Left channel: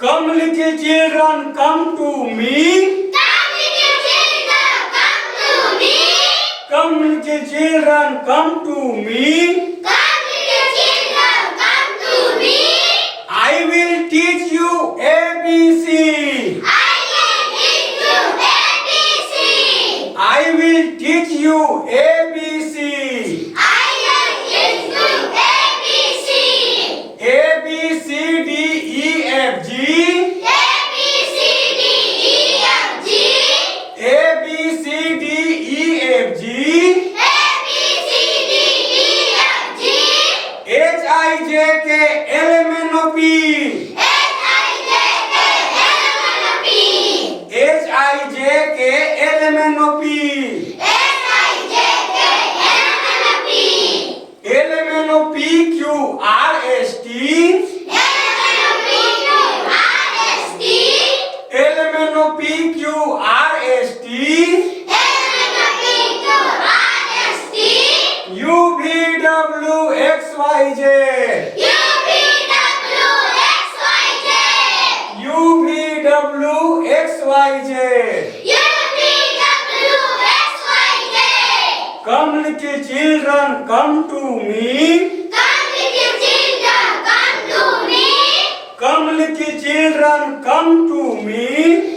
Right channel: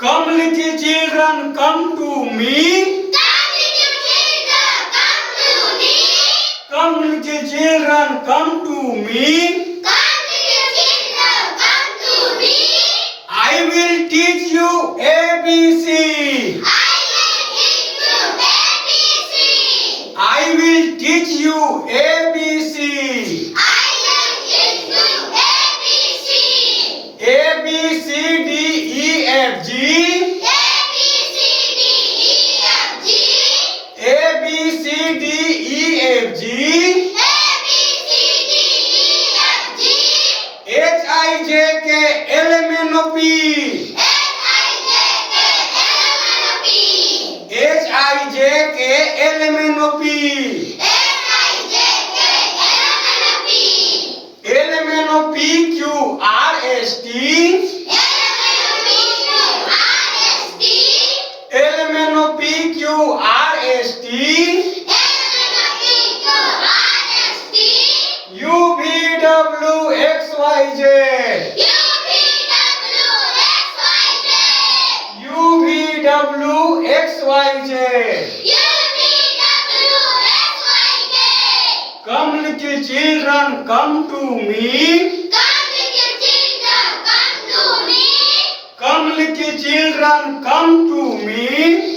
Come little children, come to me. Come little children, come to me. I will teach you ABC. I will teach you ABC. A, B, C, D, E, F, G. A, B, C, D, E, F, G. H, I, J, K, L, M, N, O, P. H, I, J, K, L, M, N, O, P. L, M, N, O, P, Q, R, S, T. L, M, N, O, P, Q, R, S, T. U, V, W, X, Y, Z. U, V, W, X, Y, Z. Come little children, come to me. Come little children, come to me.